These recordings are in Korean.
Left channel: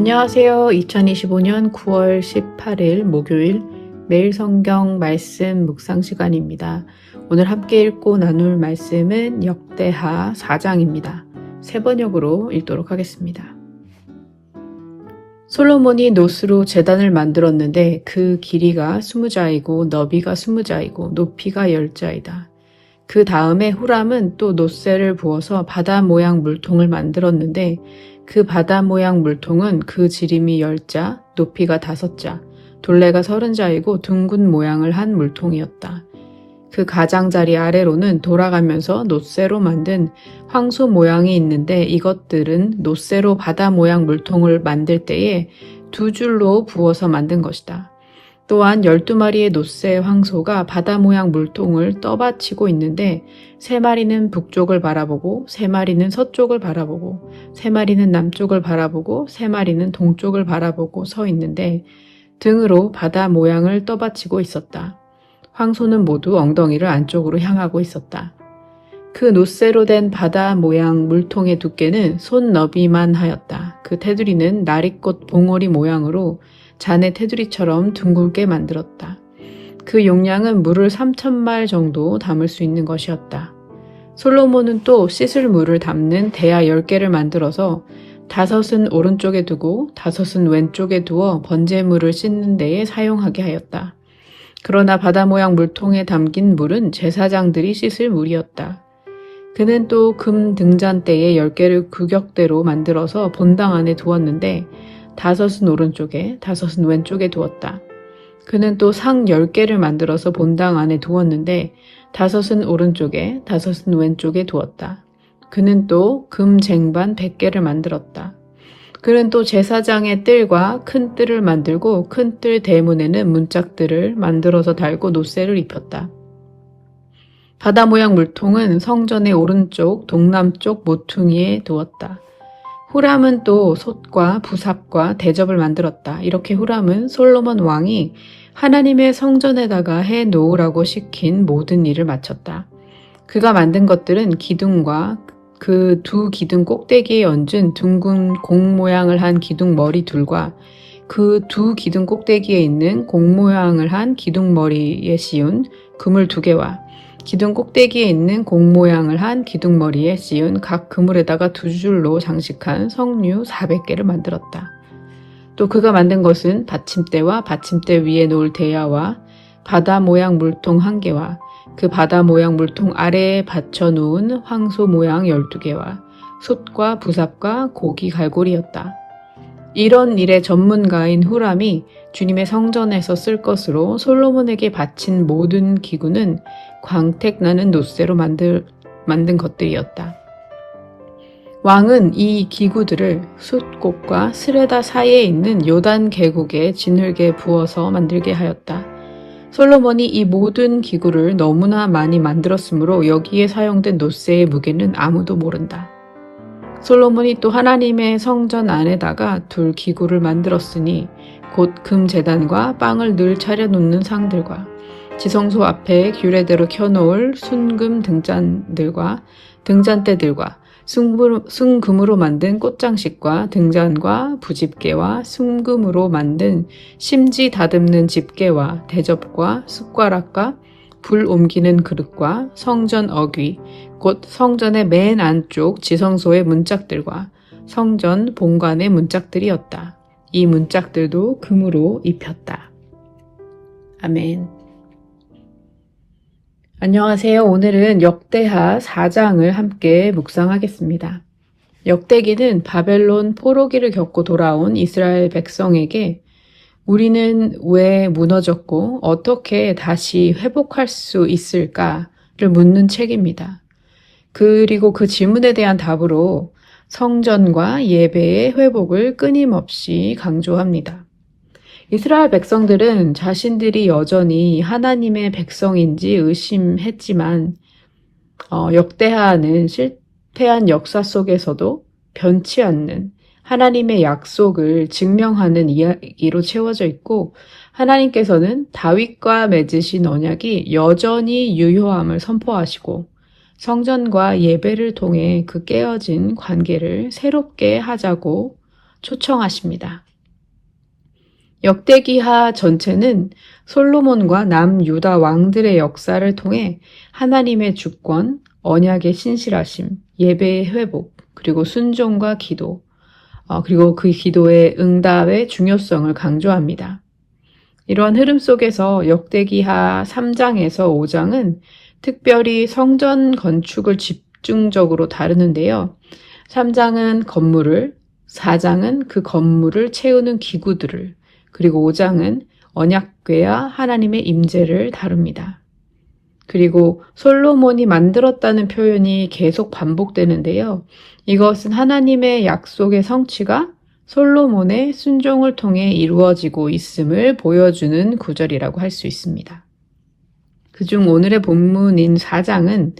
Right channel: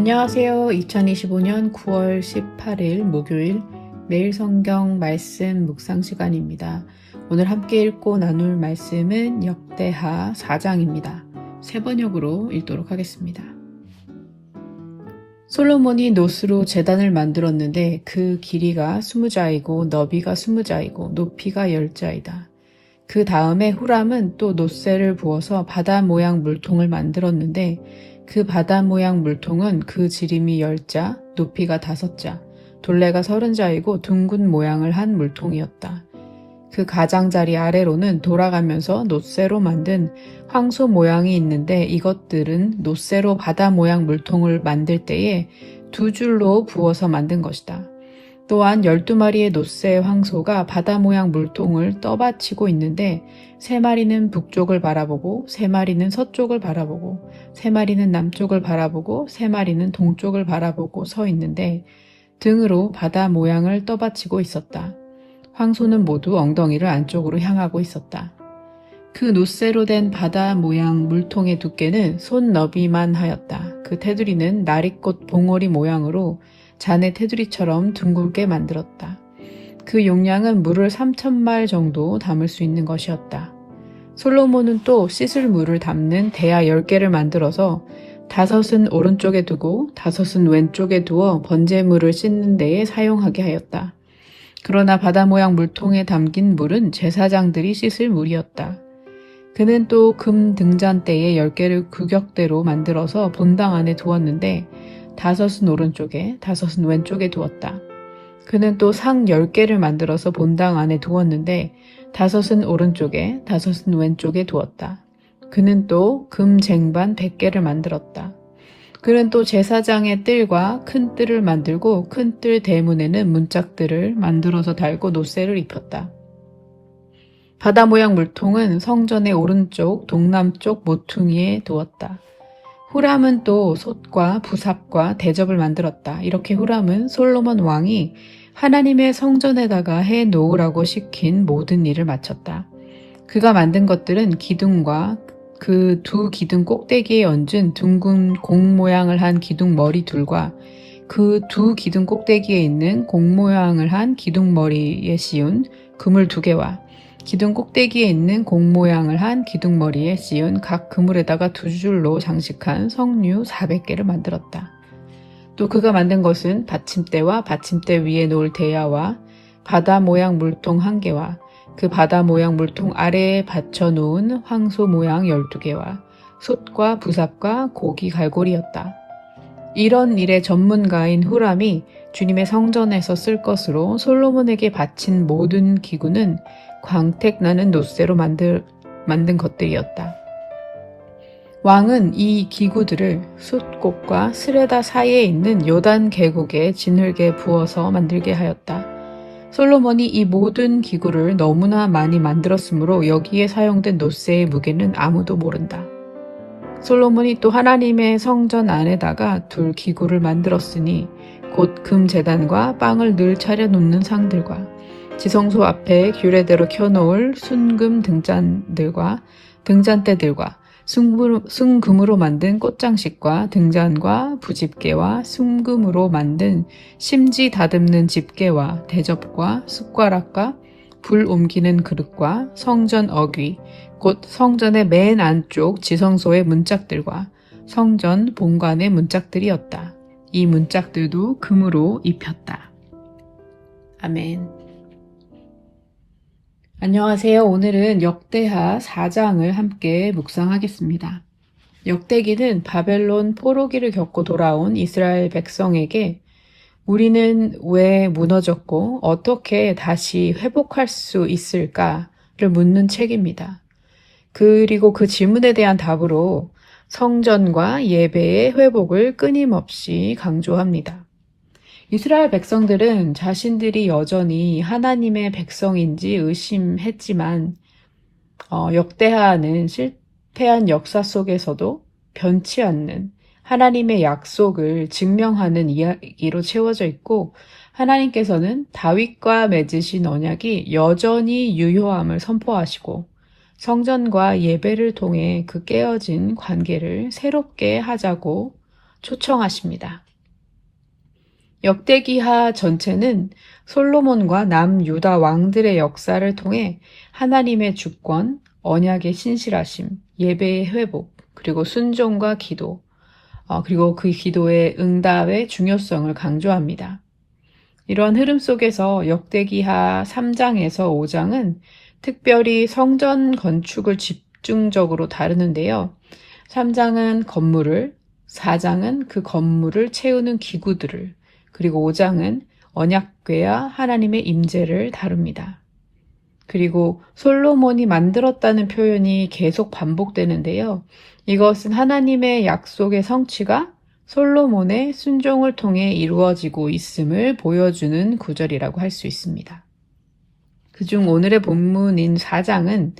안녕하세요. 2025년 9월 18일 목요일 매일 성경 말씀 묵상 시간입니다. 오늘 함께 읽고 나눌 말씀은 역대하 4장입니다. 세 번역으로 읽도록 하겠습니다. 솔로몬이 노스로 제단을 만들었는데 그 길이가 20자이고 너비가 20자이고 높이가 10자이다. 그 다음에 후람은 또 노새를 부어서 바다 모양 물통을 만들었는데 그 바다 모양 물통은 그 지름이 10자, 높이가 5자, 둘레가 30자이고 둥근 모양을 한 물통이었다. 그 가장자리 아래로는 돌아가면서 노새로 만든 황소 모양이 있는데 이것들은 노새로 바다 모양 물통을 만들 때에 2줄로 부어서 만든 것이다. 또한 12마리의 노새 황소가 바다 모양 물통을 떠받치고 있는데 3마리는 북쪽을 바라보고 3마리는 서쪽을 바라보고 3마리는 남쪽을 바라보고 3마리는 동쪽을 바라보고 서 있는데 등으로 바다 모양을 떠받치고 있었다. 황소는 모두 엉덩이를 안쪽으로 향하고 있었다. 그 노새로 된 바다 모양 물통의 두께는 손 너비만 하였다. 그 테두리는 나리꽃 봉오리 모양으로 잔의 테두리처럼 둥글게 만들었다. 그 용량은 물을 3,000말 정도 담을 수 있는 것이었다. 솔로몬은 또 씻을 물을 담는 대야 10개를 만들어서 5은 오른쪽에 두고 5은 왼쪽에 두어 번제물을 씻는 데에 사용하게 하였다. 그러나 바다 모양 물통에 담긴 물은 제사장들이 씻을 물이었다. 그는 또 금 등잔대에 10개를 규격대로 만들어서 본당 안에 두었는데 5은 오른쪽에 5은 왼쪽에 두었다. 그는 또 상 10개를 만들어서 본당 안에 두었는데 5은 오른쪽에 5은 왼쪽에 두었다. 그는 또 금 쟁반 100개를 만들었다. 그는 또 제사장의 뜰과 큰 뜰을 만들고 큰 뜰 대문에는 문짝들을 만들어서 달고 노새를 입혔다. 바다 모양 물통은 성전의 오른쪽 동남쪽 모퉁이에 두었다. 후람은 또 솥과 부삽과 대접을 만들었다. 이렇게 후람은 솔로몬 왕이 하나님의 성전에다가 해 놓으라고 시킨 모든 일을 마쳤다. 그가 만든 것들은 기둥과 그 2 기둥 꼭대기에 얹은 둥근 공 모양을 한 기둥 머리 둘과 그 2 기둥 꼭대기에 있는 공 모양을 한 기둥 머리에 씌운 그물 2개와 기둥 꼭대기에 있는 공 모양을 한 기둥 머리에 씌운 각 그물에다가 2줄로 장식한 석류 400개를 만들었다. 또 그가 만든 것은 받침대와 받침대 위에 놓을 대야와 바다 모양 물통 1개와 그 바다 모양 물통 아래에 받쳐 놓은 황소 모양 12개와 솥과 부삽과 고기 갈고리였다. 이런 일의 전문가인 후람이 주님의 성전에서 쓸 것으로 솔로몬에게 바친 모든 기구는 광택나는 노새로 만든 것들이었다. 왕은 이 기구들을 숫꽃과 스레다 사이에 있는 요단 계곡에 진흙에 부어서 만들게 하였다. 솔로몬이 이 모든 기구를 너무나 많이 만들었으므로 여기에 사용된 노새의 무게는 아무도 모른다. 솔로몬이 또 하나님의 성전 안에다가 둘 기구를 만들었으니 곧 금제단과 빵을 늘 차려놓는 상들과 지성소 앞에 규례대로 켜놓을 순금 등잔들과 등잔대들과 순금으로 만든 꽃장식과 등잔과 부집게와 순금으로 만든 심지 다듬는 집게와 대접과 숟가락과 불 옮기는 그릇과 성전 어귀, 곧 성전의 맨 안쪽 지성소의 문짝들과 성전 본관의 문짝들이었다. 이 문짝들도 금으로 입혔다. 아멘. 안녕하세요. 오늘은 역대하 4장을 함께 묵상하겠습니다. 역대기는 바벨론 포로기를 겪고 돌아온 이스라엘 백성에게 우리는 왜 무너졌고 어떻게 다시 회복할 수 있을까를 묻는 책입니다. 그리고 그 질문에 대한 답으로 성전과 예배의 회복을 끊임없이 강조합니다. 이스라엘 백성들은 자신들이 여전히 하나님의 백성인지 의심했지만 역대하는 실패한 역사 속에서도 변치 않는 하나님의 약속을 증명하는 이야기로 채워져 있고 하나님께서는 다윗과 맺으신 언약이 여전히 유효함을 선포하시고 성전과 예배를 통해 그 깨어진 관계를 새롭게 하자고 초청하십니다. 역대기하 전체는 솔로몬과 남유다 왕들의 역사를 통해 하나님의 주권, 언약의 신실하심, 예배의 회복, 그리고 순종과 기도, 그리고 그 기도의 응답의 중요성을 강조합니다. 이러한 흐름 속에서 역대기하 3장에서 5장은 특별히 성전 건축을 집중적으로 다루는데요. 3장은 건물을, 4장은 그 건물을 채우는 기구들을, 그리고 5장은 언약궤와 하나님의 임재를 다룹니다. 그리고 솔로몬이 만들었다는 표현이 계속 반복되는데요. 이것은 하나님의 약속의 성취가 솔로몬의 순종을 통해 이루어지고 있음을 보여주는 구절이라고 할 수 있습니다. 그중 오늘의 본문인 4장은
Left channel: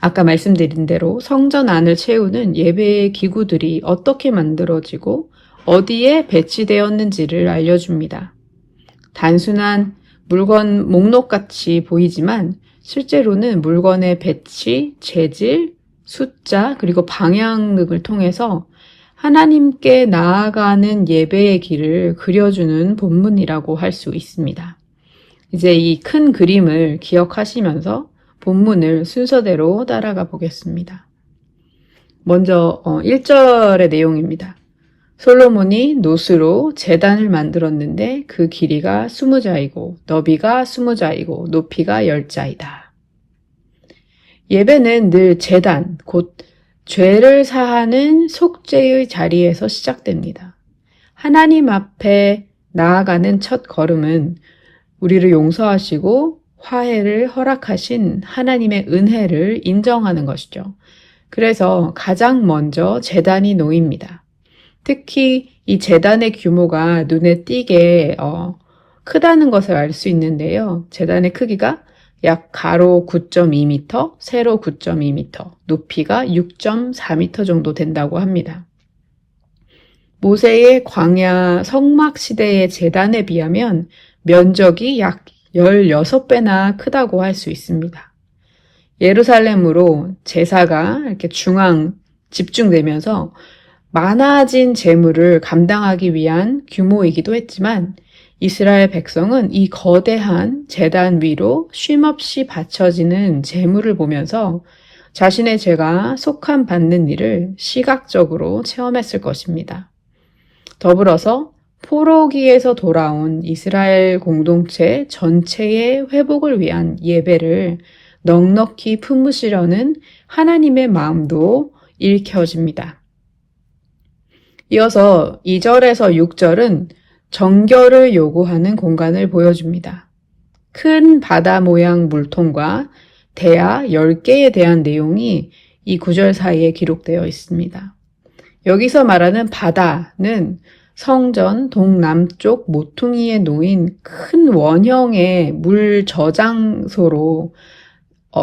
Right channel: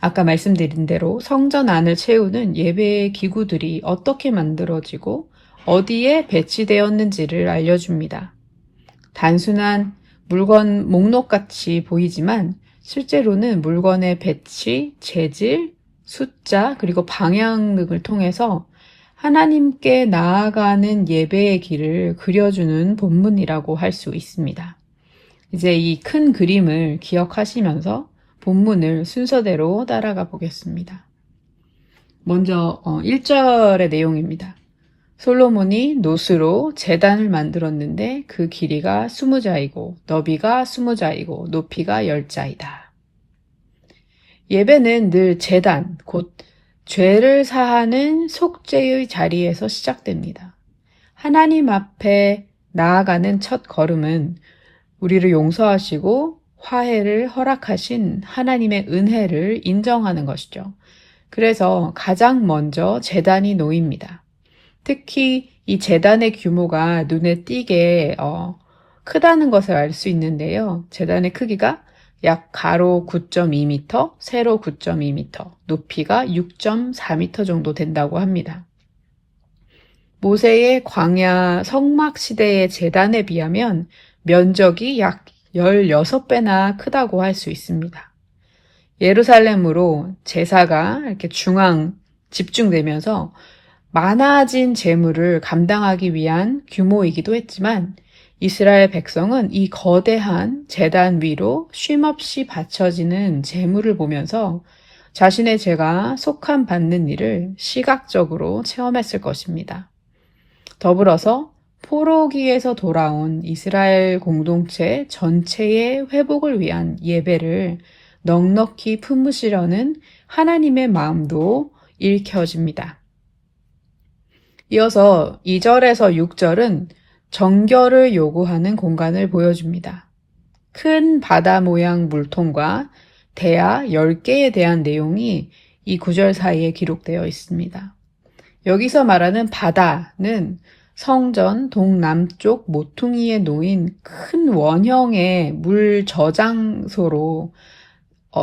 아까 말씀드린 대로 성전 안을 채우는 예배의 기구들이 어떻게 만들어지고 어디에 배치되었는지를 알려줍니다. 단순한 물건 목록같이 보이지만 실제로는 물건의 배치, 재질, 숫자, 그리고 방향 등을 통해서 하나님께 나아가는 예배의 길을 그려주는 본문이라고 할 수 있습니다. 이제 이 큰 그림을 기억하시면서 본문을 순서대로 따라가 보겠습니다. 먼저 1절의 내용입니다. 솔로몬이 노스로 제단을 만들었는데 그 길이가 20자이고 너비가 20자이고 높이가 10자이다. 예배는 늘 제단, 곧 죄를 사하는 속죄의 자리에서 시작됩니다. 하나님 앞에 나아가는 첫 걸음은 우리를 용서하시고 화해를 허락하신 하나님의 은혜를 인정하는 것이죠. 그래서 가장 먼저 제단이 놓입니다. 특히 이 제단의 규모가 눈에 띄게 크다는 것을 알 수 있는데요. 제단의 크기가 약 가로 9.2m, 세로 9.2m, 높이가 6.4m 정도 된다고 합니다. 모세의 광야 성막 시대의 제단에 비하면 면적이 약 16배나 크다고 할 수 있습니다. 예루살렘으로 제사가 이렇게 집중되면서 많아진 재물을 감당하기 위한 규모이기도 했지만 이스라엘 백성은 이 거대한 제단 위로 쉼없이 바쳐지는 재물을 보면서 자신의 죄가 속한 받는 일을 시각적으로 체험했을 것입니다. 더불어서 포로기에서 돌아온 이스라엘 공동체 전체의 회복을 위한 예배를 넉넉히 품으시려는 하나님의 마음도 읽혀집니다. 이어서 2절에서 6절은 정결을 요구하는 공간을 보여줍니다. 큰 바다 모양 물통과 대야 10개에 대한 내용이 이 구절 사이에 기록되어 있습니다. 여기서 말하는 바다는 성전 동남쪽 모퉁이에 놓인 큰 원형의 물 저장소로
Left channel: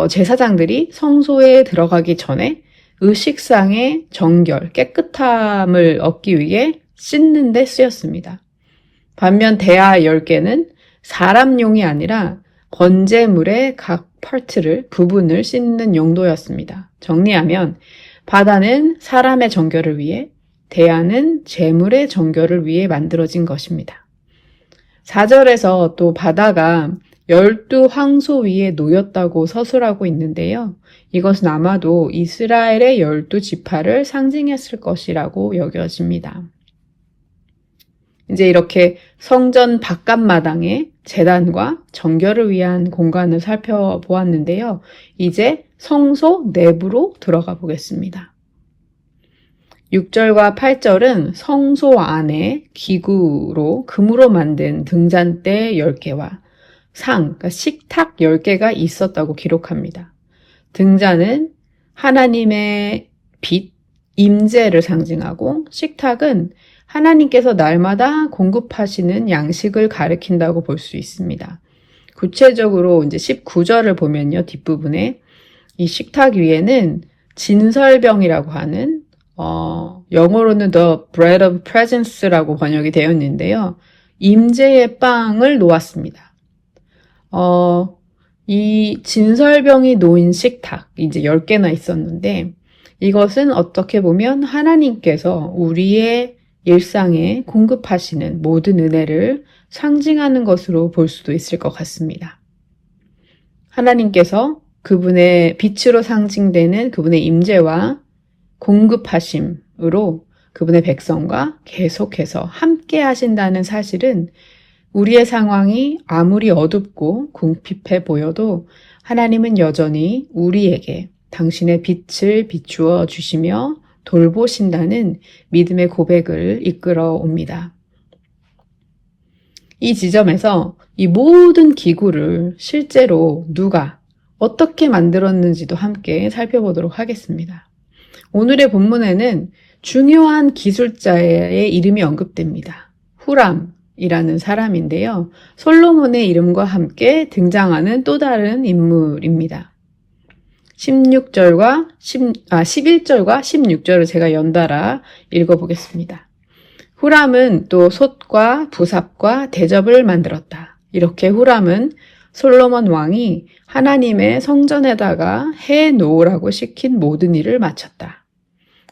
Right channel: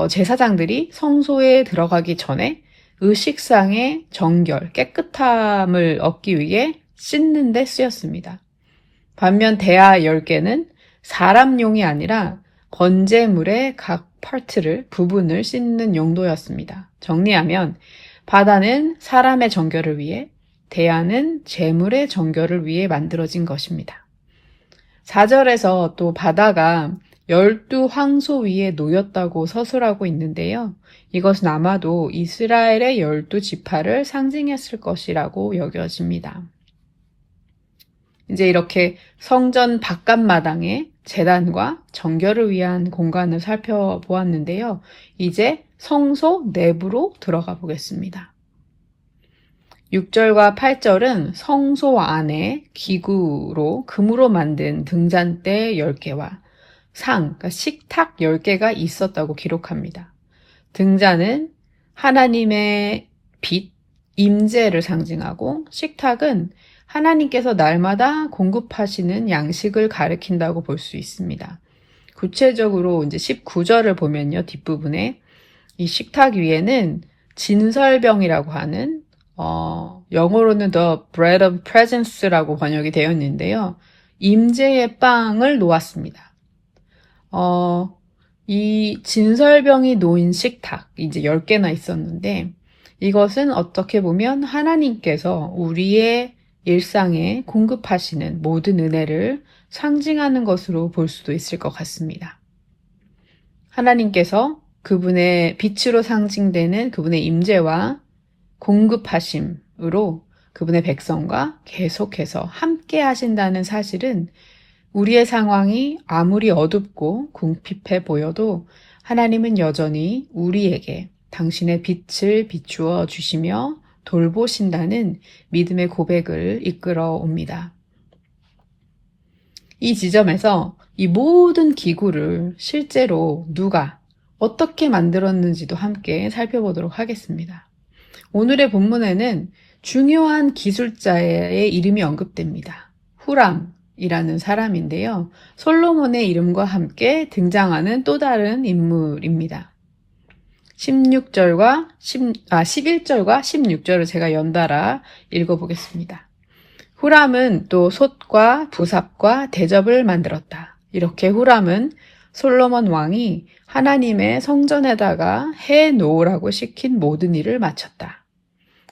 제사장들이 성소에 들어가기 전에 의식상의 정결, 깨끗함을 얻기 위해 씻는 데 쓰였습니다. 반면 대야 10개는 사람용이 아니라 번제물의 각 부분을 씻는 용도였습니다. 정리하면 바다는 사람의 정결을 위해, 대야는 제물의 정결을 위해 만들어진 것입니다. 4절에서 또 바다가 12황소 위에 놓였다고 서술하고 있는데요. 이것은 아마도 이스라엘의 12지파를 상징했을 것이라고 여겨집니다. 이제 이렇게 성전 바깥마당에 제단과 정결을 위한 공간을 살펴보았는데요. 이제 성소 내부로 들어가 보겠습니다. 6절과 8절은 성소 안에 기구로 금으로 만든 등잔대 10개와 그러니까 식탁 10개가 있었다고 기록합니다. 등잔은 하나님의 빛, 임재를 상징하고 식탁은 하나님께서 날마다 공급하시는 양식을 가리킨다고 볼 수 있습니다. 구체적으로 이제 19절을 보면요, 뒷부분에 이 식탁 위에는 진설병이라고 하는 영어로는 The Bread of Presence라고 번역이 되어 있는데요. 임재의 빵을 놓았습니다. 이 진설병이 놓인 식탁, 이제 10개나 있었는데 이것은 어떻게 보면 하나님께서 우리의 일상에 공급하시는 모든 은혜를 상징하는 것으로 볼 수도 있을 것 같습니다. 하나님께서 그분의 빛으로 상징되는 그분의 임재와 공급하심으로 그분의 백성과 계속해서 함께 하신다는 사실은 우리의 상황이 아무리 어둡고 궁핍해 보여도 하나님은 여전히 우리에게 당신의 빛을 비추어 주시며 돌보신다는 믿음의 고백을 이끌어 옵니다. 이 지점에서 이 모든 기구를 실제로 누가 어떻게 만들었는지도 함께 살펴보도록 하겠습니다. 오늘의 본문에는 중요한 기술자의 이름이 언급됩니다. 후람이라는 사람인데요. 솔로몬의 이름과 함께 등장하는 또 다른 인물입니다. 11절과 16절을 제가 연달아 읽어보겠습니다. 후람은 또 솥과 부삽과 대접을 만들었다. 이렇게 후람은 솔로몬 왕이 하나님의 성전에다가 해 놓으라고 시킨 모든 일을 마쳤다.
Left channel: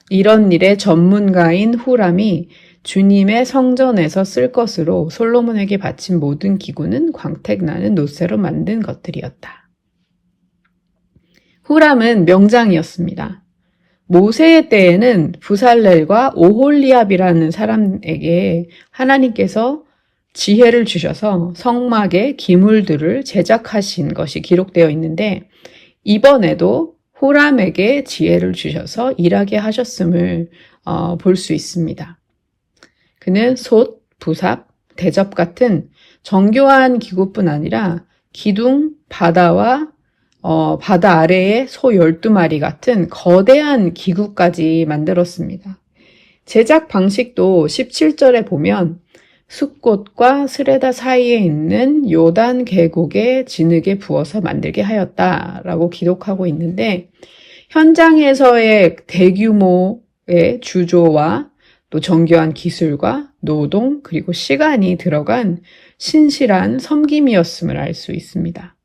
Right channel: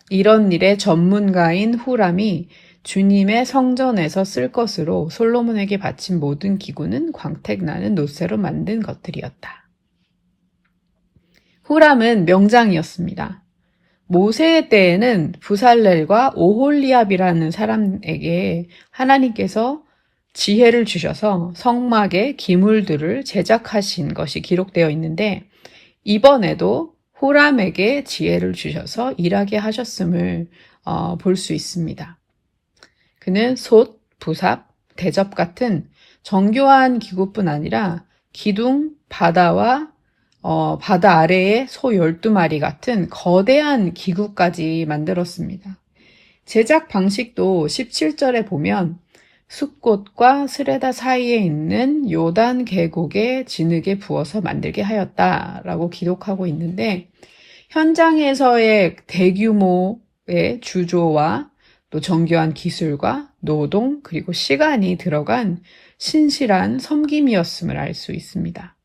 이런 일의 전문가인 후람이 주님의 성전에서 쓸 것으로 솔로몬에게 바친 모든 기구는 광택나는 노쇠로 만든 것들이었다. 후람은 명장이었습니다. 모세의 때에는 부살렐과 오홀리압이라는 사람에게 하나님께서 지혜를 주셔서 성막의 기물들을 제작하신 것이 기록되어 있는데 이번에도 후람에게 지혜를 주셔서 일하게 하셨음을 볼 수 있습니다. 그는 솥, 부삽, 대접 같은 정교한 기구뿐 아니라 기둥, 바다와 바다 아래의 소 12마리 같은 거대한 기구까지 만들었습니다. 제작 방식도 17절에 보면 숫꽃과 스레다 사이에 있는 요단 계곡의 진흙에 부어서 만들게 하였다라고 기록하고 있는데 현장에서의 대규모의 주조와 또 정교한 기술과 노동 그리고 시간이 들어간 신실한 섬김이었음을 알 수 있습니다.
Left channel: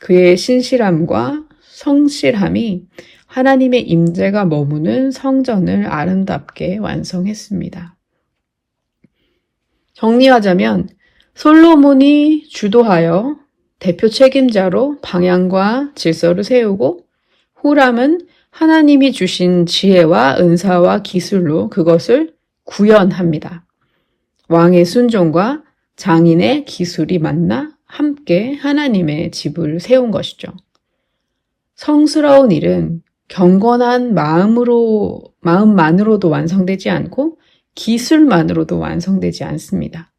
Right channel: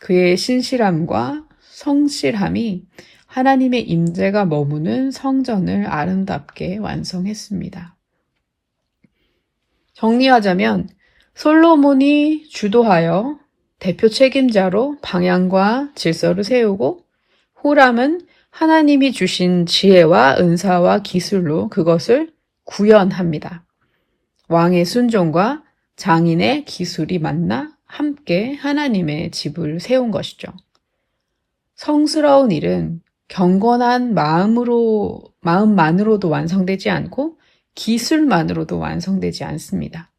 그의 신실함과 성실함이 하나님의 임재가 머무는 성전을 아름답게 완성했습니다. 정리하자면 솔로몬이 주도하여 대표 책임자로 방향과 질서를 세우고 후람은 하나님이 주신 지혜와 은사와 기술로 그것을 구현합니다. 왕의 순종과 장인의 기술이 만나 함께 하나님의 집을 세운 것이죠. 성스러운 일은 경건한 마음만으로도 완성되지 않고 기술만으로도 완성되지 않습니다.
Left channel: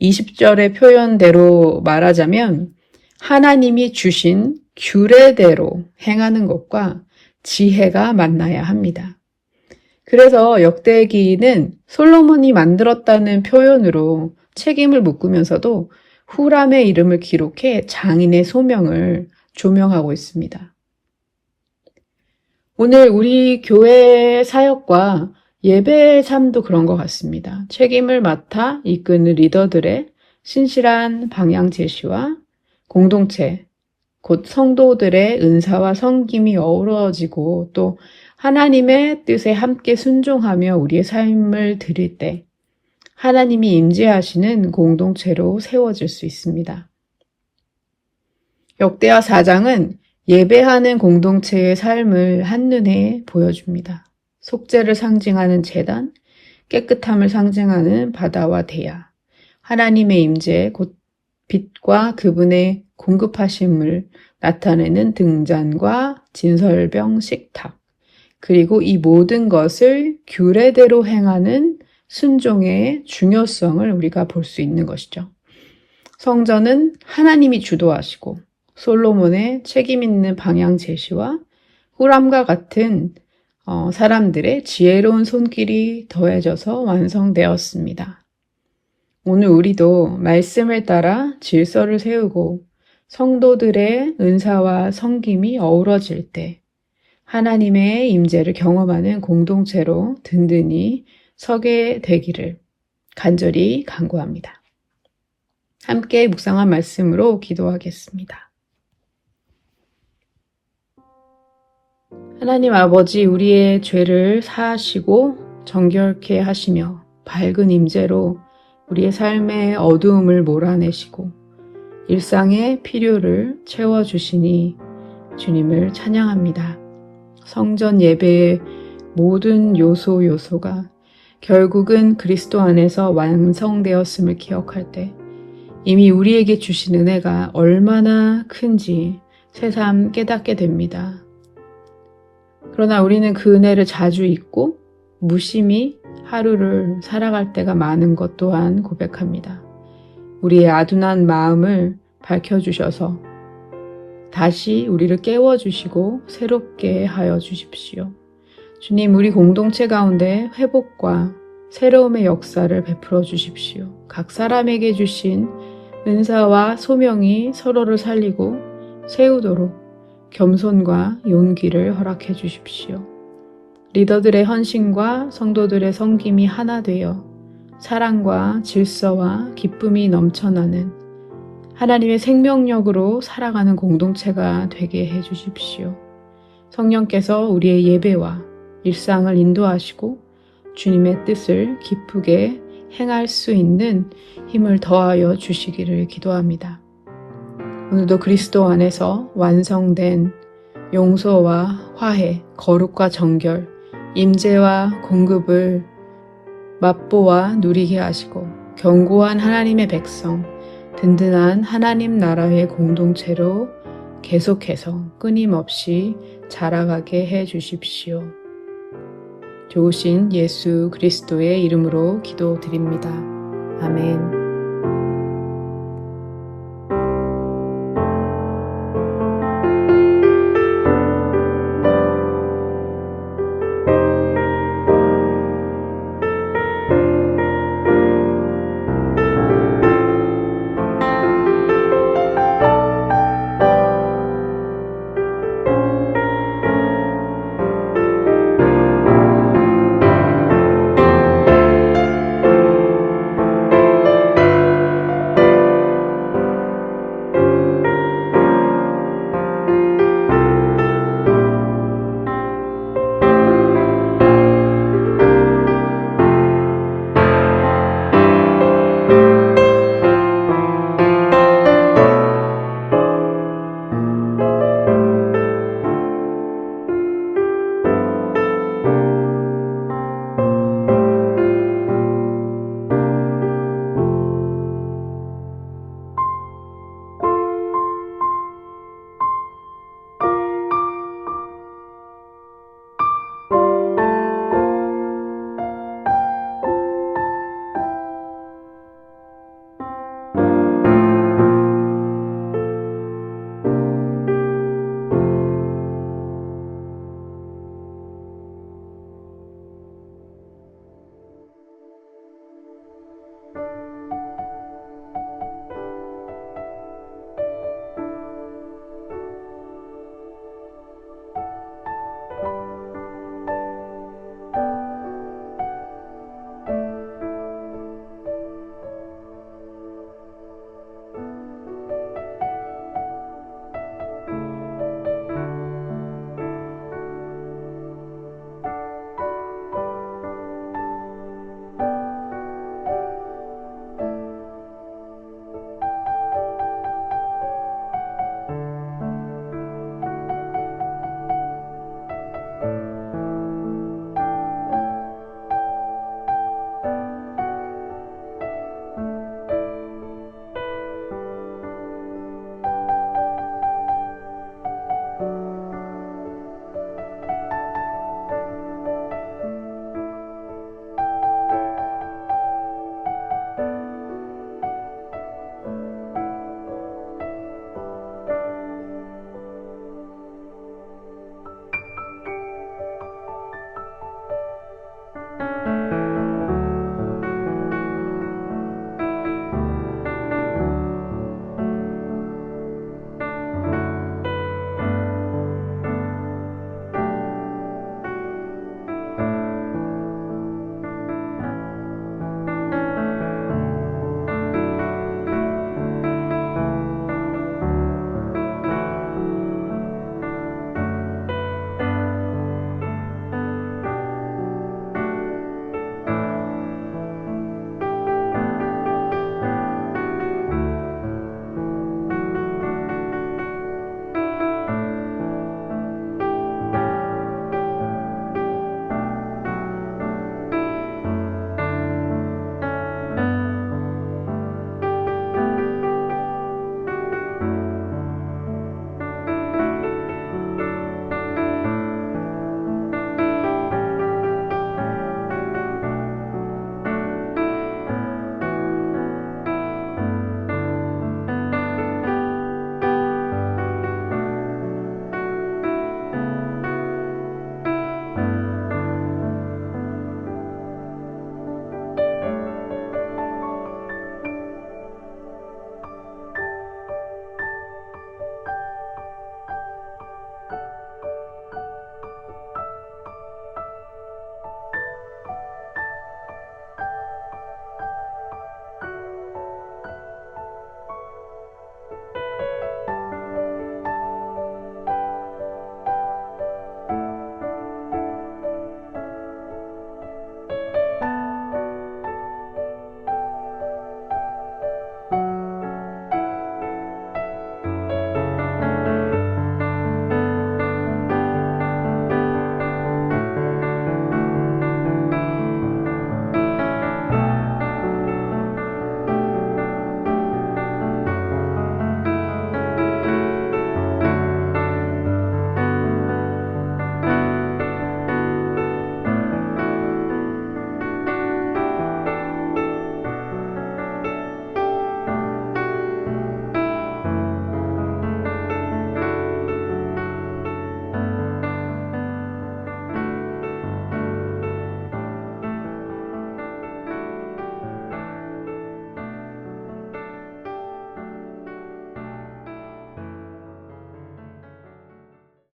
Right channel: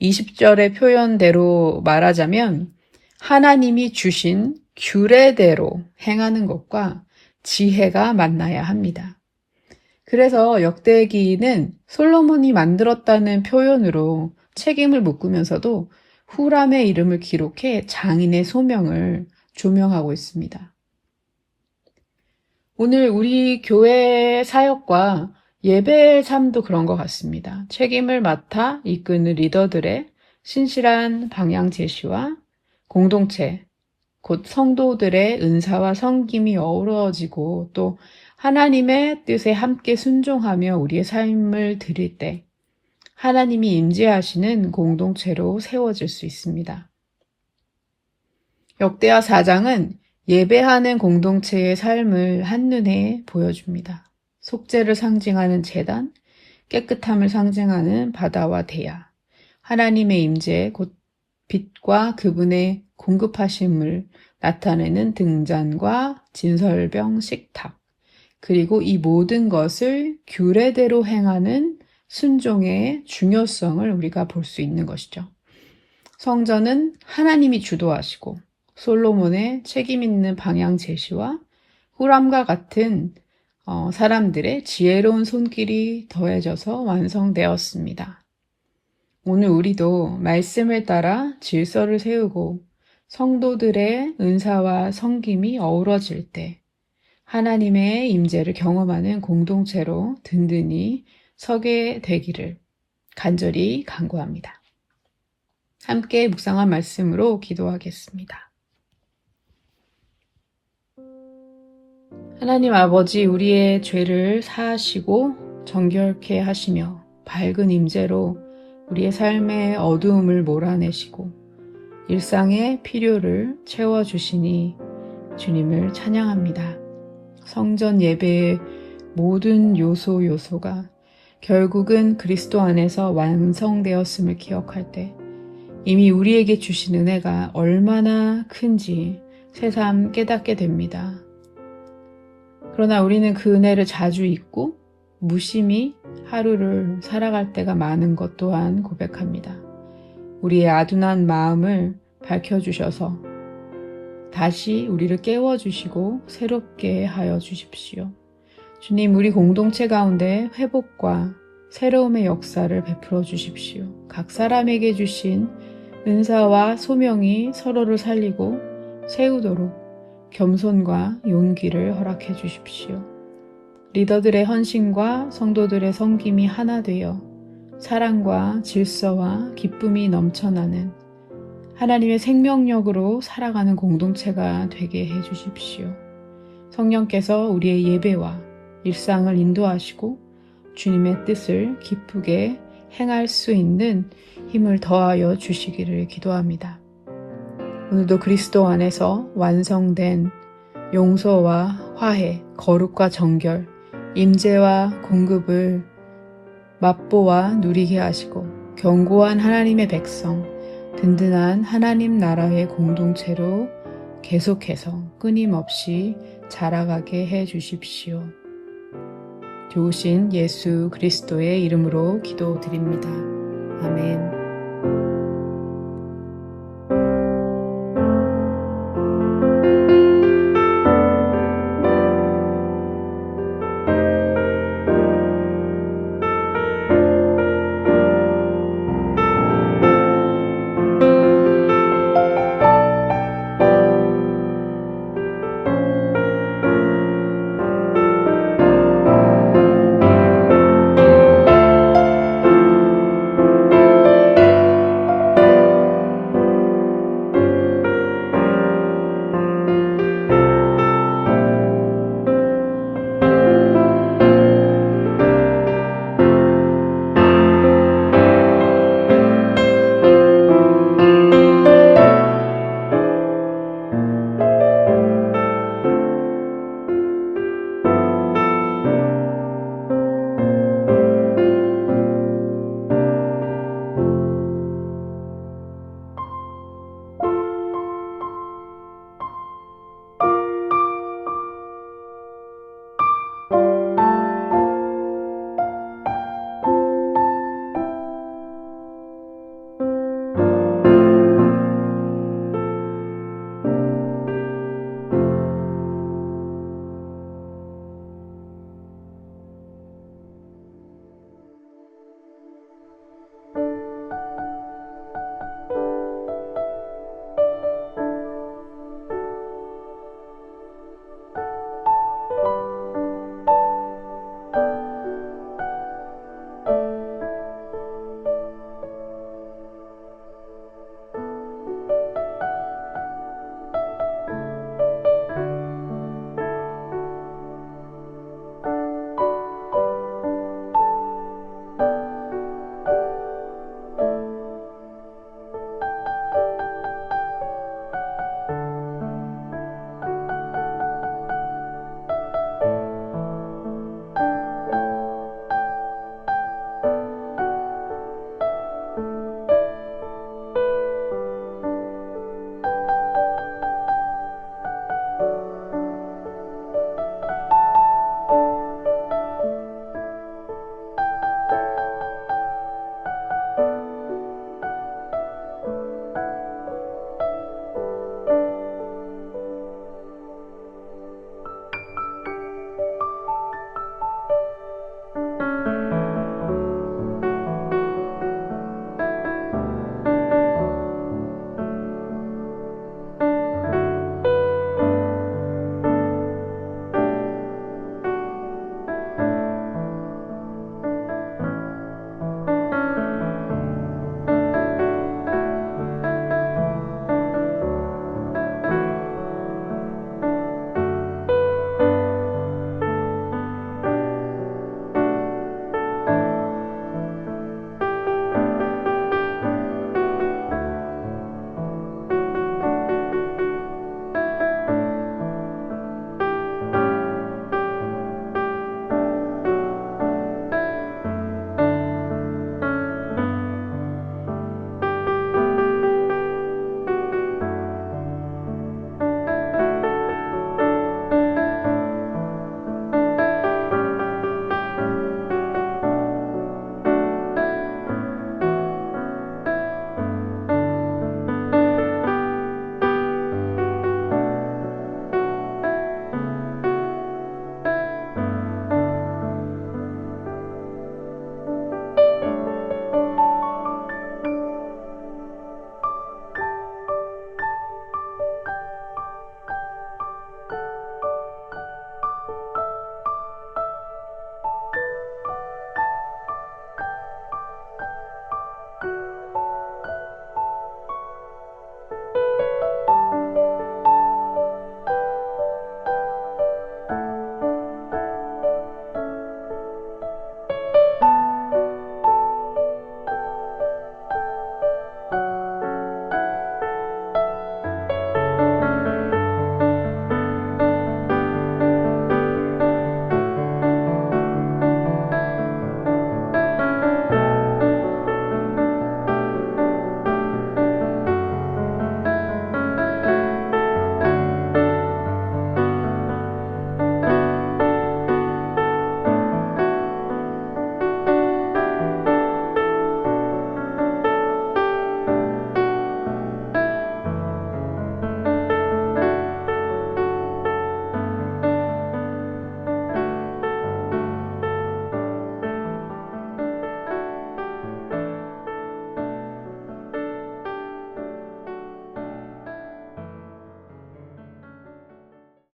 20절의 표현대로 말하자면 하나님이 주신 규례대로 행하는 것과 지혜가 만나야 합니다. 그래서 역대기는 솔로몬이 만들었다는 표현으로 책임을 묶으면서도 후람의 이름을 기록해 장인의 소명을 조명하고 있습니다. 오늘 우리 교회 사역과 예배의 삶도 그런 것 같습니다. 책임을 맡아 이끄는 리더들의 신실한 방향 제시와 공동체, 곧 성도들의 은사와 섬김이 어우러지고 또 하나님의 뜻에 함께 순종하며 우리의 삶을 드릴 때 하나님이 임재하시는 공동체로 세워질 수 있습니다. 역대하 4장은 예배하는 공동체의 삶을 한눈에 보여줍니다. 속죄를 상징하는 제단, 깨끗함을 상징하는 바다와 대야, 하나님의 임재, 곧 빛과 그분의 공급하심을 나타내는 등잔과 진설병 식탁, 그리고 이 모든 것을 규례대로 행하는 순종의 중요성을 우리가 볼 수 있는 것이죠. 성전은 하나님이 주도하시고 솔로몬의 책임 있는 방향 제시와 후람과 같은 사람들의 지혜로운 손길이 더해져서 완성되었습니다. 오늘 우리도 말씀을 따라 질서를 세우고 성도들의 은사와 섬김이 어우러질 때 하나님의 임재를 경험하는 공동체로 든든히 서게 되기를 간절히 간구합니다. 함께 묵상한 말씀으로 기도하겠습니다. 하나님 아버지, 우리의 죄를 사하시고 정결케 하시며 밝은 임재로 우리의 삶의 어두움을 몰아내시고 일상의 필요를 채워주시니 주님을 찬양합니다. 성전 예배의 모든 요소가 결국은 그리스도 안에서 완성되었음을 기억할 때 이미 우리에게 주신 은혜가 얼마나 큰지 새삼 깨닫게 됩니다. 그러나 우리는 그 은혜를 자주 잊고 무심히 하루를 살아갈 때가 많은 것 또한 고백합니다. 우리의 아둔한 마음을 밝혀주셔서 다시 우리를 깨워주시고 새롭게 하여 주십시오. 주님, 우리 공동체 가운데 회복과 새로움의 역사를 베풀어 주십시오. 각 사람에게 주신 은사와 소명이 서로를 살리고 세우도록 겸손과 용기를 허락해 주십시오. 리더들의 헌신과 성도들의 섬김이 하나 되어 사랑과 질서와 기쁨이 넘쳐나는 하나님의 생명력으로 살아가는 공동체가 되게 해 주십시오. 성령께서 우리의 예배와 일상을 인도하시고 주님의 뜻을 기쁘게 행할 수 있는 힘을 더하여 주시기를 기도합니다. 오늘도 그리스도 안에서 완성된 용서와 화해, 거룩과 정결, 임재와 공급을 맛보아 누리게 하시고 견고한 하나님의 백성, 든든한 하나님 나라의 공동체로 계속해서 끊임없이 자라가게 해 주십시오. 좋으신 예수 그리스도의 이름으로 기도드립니다. 아멘.